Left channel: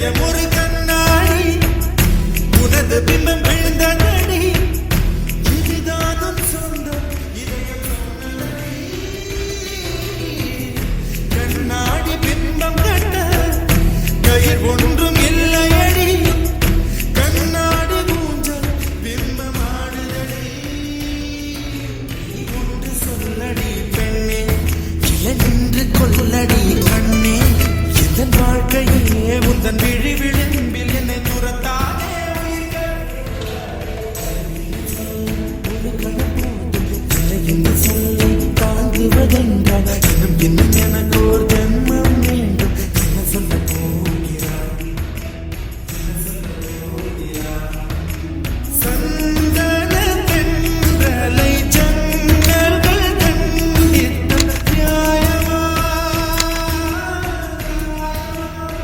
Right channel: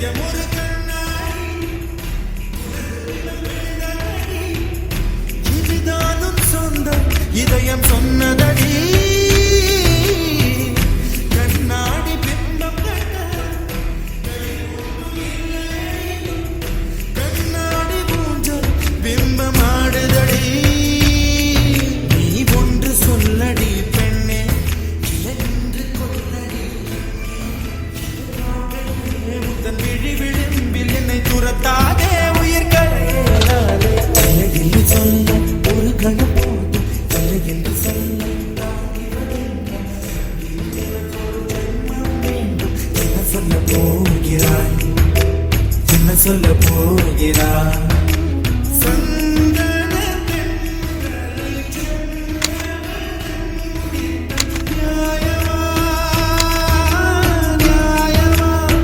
ஒரு கண்ணாடி உனது பிம்பம் விழுந்ததடி இதுதானும் சொந்தம் இதயம் சொன்னதடி கண்ணாடி பிம்பம் கட்ட கயிர் ஒன்றும் இல்லையடி கண்ணாடி ஊஞ்சல் பிம்பம் ஆடுதடி நீ ஒன்று சொல்லடி பெண்ணே இல நின்று கொல்லடி கண்ணே என் வாழ்க்கையே உந்தன் விழி விளிம்பில் என்னை துரத்தாதே உயிர் கரையேறாதே என்று சொல்ல ஒரு கணம் போதும் இல்லை என்று சொல்ல தாங்குவதென்றால் இன்னும் இன்னும் எனக்கு ஒரு ஜென்மம் வேண்டும் என்ன சொல்ல போகிறாய் என்ன சொல்ல போகிறாய்